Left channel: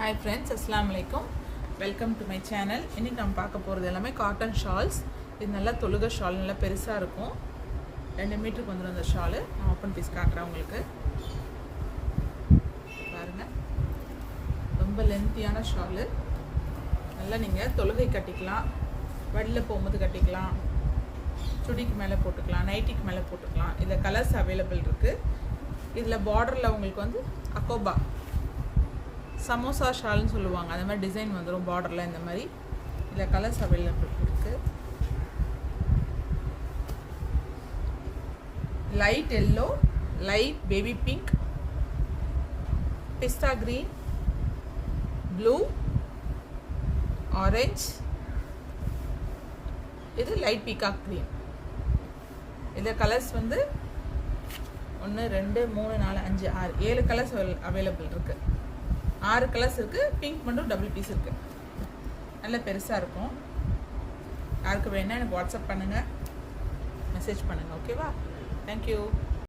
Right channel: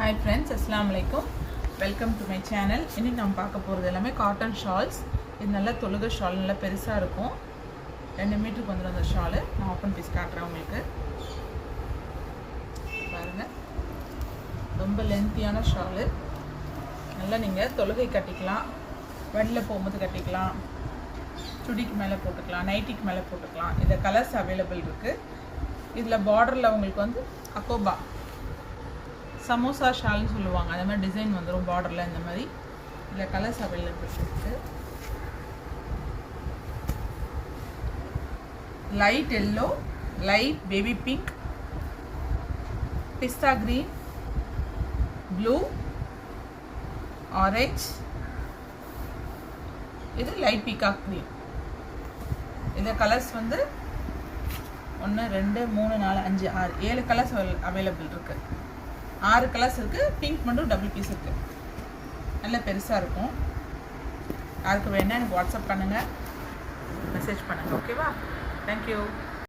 Hi friends, Assalamu alaikum. Welcome to my channel. இன்னைக்கு நம்ம பார்க்க போறது எல்லாமே காட்டன் ஷால்ஸ். இது நல்ல தொழுகை ஷால், நல்ல பெருசா இருக்கும். 2 மீட்டருக்கு வந்துரும் அந்த ஷால். நான் ஓபன் பீஸ் காட்டுறேன் உங்களுக்கு. பாருங்க. ரொம்ப லென்த்தியான ஷால். நல்லா நீங்க தொழுகை கட்டிக்கலாம். வெளில போகும்போது கட்டிக்கலாம். சுடிக்கு மேலே போட்டுக்கலாம், நைட்டிக்கு மேலே போட்டுக்கலாம். இந்த கலர்ஸ் அவைலபிள் இருக்கு. இதுல பார்டர்ல உங்களுக்கு வந்து அகோபா சமோசா ஷால்னு சொல்லுவாங்க, அந்த மாதிரி டிசைன் வந்துடும் பார்டரில். இந்த மாதிரி இதில் கலர்ஸ் அவைலபிள் இருக்குது. Light yellow, light baby pink, pista green, blue, orange, இது லைட் பீகாக் கிரீன். இந்த கலர்ஸ் வந்து 1 2 3 4 5 6 7 கலர்ஸ் அவைலபிள் இருக்குது. 6 கலர்ஸ் இருக்குது. பிங்க் மட்டும் டபுள் பீஸ் இருக்குது. நல்ல பெருசாக இருக்கும். யாருக்கு வேணால் எனக்கு வாட்ஸ்அப் பண்ணுங்கள், மெசேஜ் பண்ணுங்கள். ஓகேவா? தேங்க்யூ.